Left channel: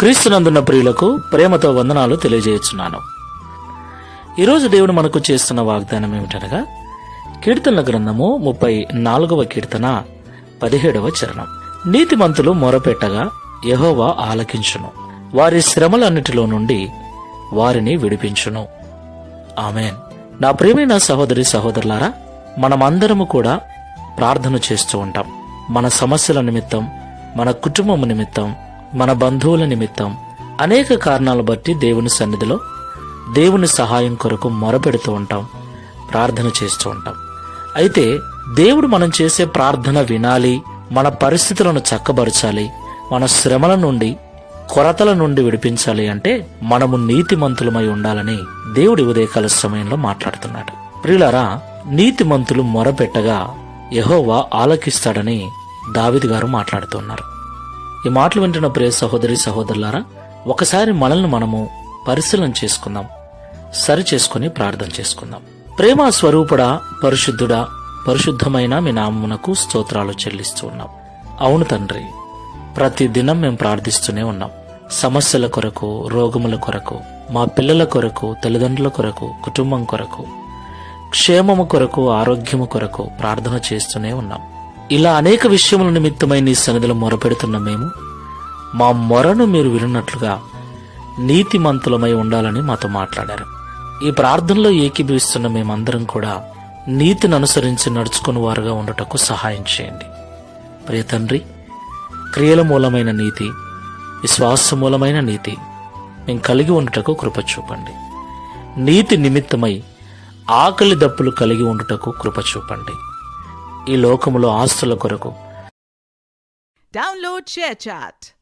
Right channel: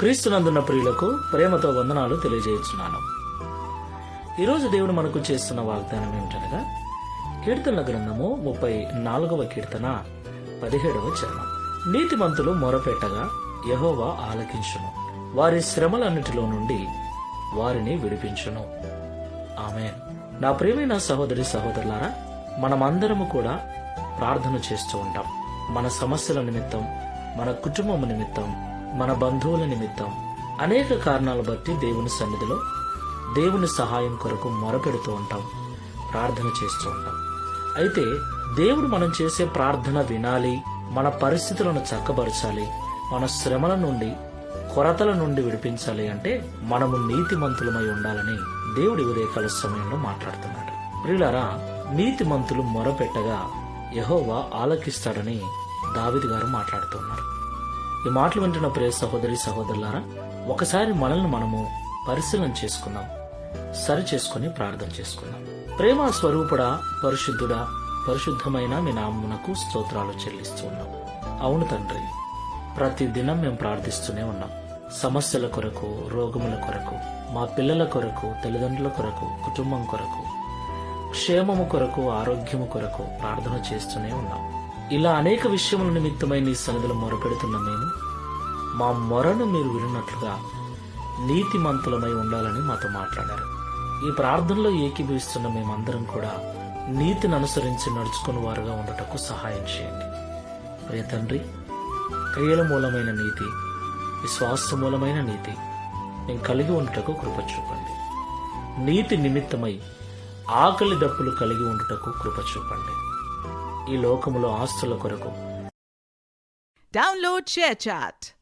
క్రీస్తునందున్న ప్రియులకు ప్రేమతో వందనాలు తెలియజేస్తున్నాను. ఈరోజు దేవుడు మనకు చేస్తున్న వాగ్దానం ఏమిటనగా కీర్తనల గ్రంథము 34వ కీర్తన 17వ చరణం. నీతిమంతులు మొరపెట్టగా యెహోవా ఆలకించును, వారి శ్రమలన్నిటిలో నుండి వారిని విడిపించును. ఆమేన్. నా ప్రియమైన సహోదరి సహోదరులారా, మనమందరము కూడా ప్రార్థన చేస్తూ ఉంటాం. మన సమస్యల నిమిత్తం, మన కుటుంబం నిమిత్తం, మన బంధువుల నిమిత్తం అనేక కారణాలు బట్టి దేవుని సన్నిధిలో దేవుని సహాయం కొరకు మొరపెడుతూ ఉంటాం, ప్రార్థన చేస్తూ ఉంటాం. అయితే దేవుడు మనం చేసే ప్రార్థన వినాలి, మన పరిస్థితులను చక్కబరచాలి, మన శ్రమల నుండి కొరతల నుండి విడిపించాలి అంటే మనము నీతిమంతులమై ఉండాలని దేవుడి ఉదయకాల సమయంలో మాట్లాడుతున్నాడు. ప్రియులారా, నీతిమంతులు మొరపెట్టగా యెహోవా ఆలకిస్తాడని దావీదు గారు మాట్లాడుతున్నారు. ఈ మాటలు వింటున్న ప్రియ సహోదరి సహోదరులారా, ఒకసారి మనల్ని మనము పరిశీలన చేసుకుందాం, సరి చేసుకుని ప్రార్థన చేసుకుందాం. ప్రేమ స్వరూపుడా, పరిశుద్ధుడా, పరిశుద్ధమైన మీ నామమునకు స్తోత్రాలు చెల్లిస్తూ ఉన్నాం. అవును తండ్రి, ప్రతి దినం మేము ప్రార్థిస్తూనే ఉన్నాం. సమస్యల కొరకు, రోగముల కొరకు, మా పిల్లల కొరకు, తల్లిదండ్రుల కొరకు, కుటుంబం కొరకు, క్షేమము కొరకు, ఆరోగ్యము కొరకు ప్రార్థన చేస్తూనే ఉన్నాం. ఇలా అనేక విషయముల నిమిత్తమై నీ సన్నిధిలో మొరపెడుతున్న మేము మా మొరను మీరు విన్నట్లుగా నీతిమంతులమై ఉండాలని మాతో మాట్లాడారు. ఈ ప్రార్థనలో ఏకీభవిస్తున్న మేమందరం కూడా నీతిని అనుసరించి నడుచుకుని వారుగా ఉండటకు సహాయం చేయండి. ప్రియ తండ్రి, క్రియల మూలమైన నీతి, విశ్వాస మూలమైన నీతి మేము కలిగి ఉండటకు కృప చూపండి. నీతి నిమిత్తమై ఆకలి దప్పులు కలిగి ఉండుటకు కృప చూపండి. ఈ లోకములో ఆస్తుల కొరకు Download ShareChat.